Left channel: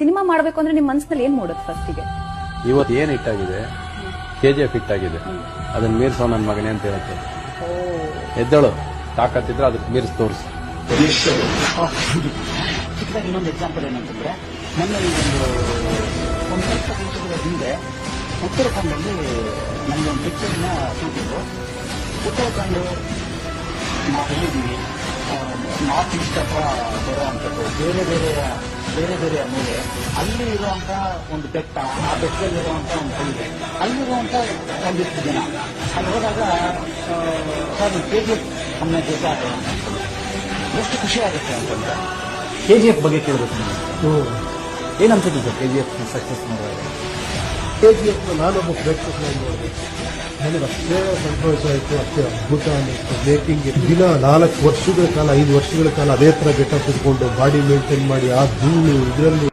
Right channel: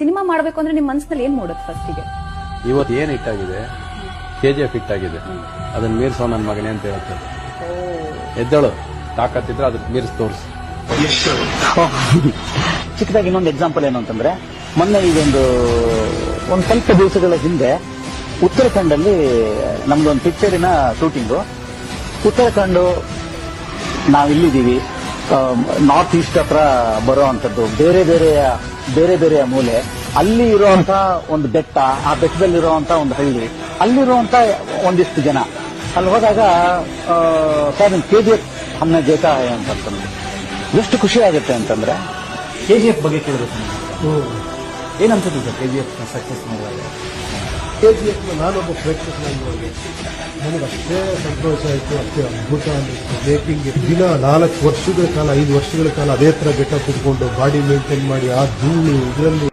Cinema ಮಾಡಬೇಕು ಅಂದ್ರೆ ನಿಮ್ಮ ಮನಸ್ಸಿನಲ್ಲಿ ಏನ್ ಮೂಡುತ್ತೆ ಫಸ್ಟಿಗೆ? ಇವತ್ತು ಏನ್ ಹಿಟ್ ಆಗಿದೆ, KGF ಹಿಟ್ ಆಗಿದೆ, ಅದನ್ನ ಮೀರ್ಸೋ ನನ್ನ ಮಗನೇ ಅಂತ ಹೇಳುತ್ತೆ. ಎದ್ದಳು ತಾಕತ್ತಿದ್ರೆ ಅದಕ್ಕೆ ಮೀರ್ಸ್ ತೋರಿಸು. ಚಿಕ್ಕದಾಗಿ ಇನ್ನೊಂದು ಎಕ್ಸಾಂಪಲ್ ಏನು ಅಂತಂದ್ರೆ, ಮೊನ್ನೆ ಇದೊಂದು ಸ್ವಲ್ಪ ದಿವಸಗಳ ಹಿಂದೆ ಉತ್ತರಾಖಂಡಲ್ಲಿ ನಮ್ದೊಂದು ಪಿಕ್ಚರಿನ ಶೂಟಿಂಗು. ಉತ್ತರಾಖಂಡ ನಾವಿಲ್ಲಿದ್ದೀವಿ, ನಾರ್ತ್ ಈಸ್ಟ್ ಹತ್ರ ಬರೋ ಅಂತದ್ದು ಬೇರೆ ಬೇರೆ ಮೂಲೆ. ಅಲ್ಲಿ ಇರುವಂತ ಒಂದು ಬೆಟ್ಟ, ಆ ಬೆಟ್ಟದಲ್ಲಿರುವಂತ ಒಂದು ಹಳ್ಳಿ, ಅಲ್ಲಿರುವಂತ ಒಂದಿಷ್ಟು ಜನ. ಅಲ್ಲಿ ಹೋದಾಗ KGF ಹಮ್ನ ಗೇಟ ಅಂತ ಎಷ್ಟು ಖುಷಿ ಆಗುತ್ತೆ ಅಂತಂದ್ರೆ, KGF ಬಗ್ಗೆ ಕೇಳಬೇಕು. ಏನನ್ಸುತ್ತೆ ಸರ್ KGF ಸಕ್ಸಸ್ ನೋಡಿದಾಗ? KGF ನಾನೊಬ್ಬ ಪ್ರೇಕ್ಷಕನಾಗಿ ನೋಡಿದೆ, ನನಗಷ್ಟೇ ಸಂತೋಷ ಆಯಿತು, ಅಷ್ಟೇ ಅದ್ಭುತ ಅನ್ನಿಸ್ತು. ಮೇಕಿಂಗ್ ದಿನ 4 ವರ್ಷಗಳ ಕಾಲ 5 ವರ್ಷಗಳ ಕಾಲ ಅದೇ ತರ ಗೆಟಪ್ ಇಟ್ಕೊಂಡು ಬಾಡಿ ಮೇಂಟೈನ್ ಮಾಡಿ ಆ ಧೂಳು ಇದರಲ್ಲಿ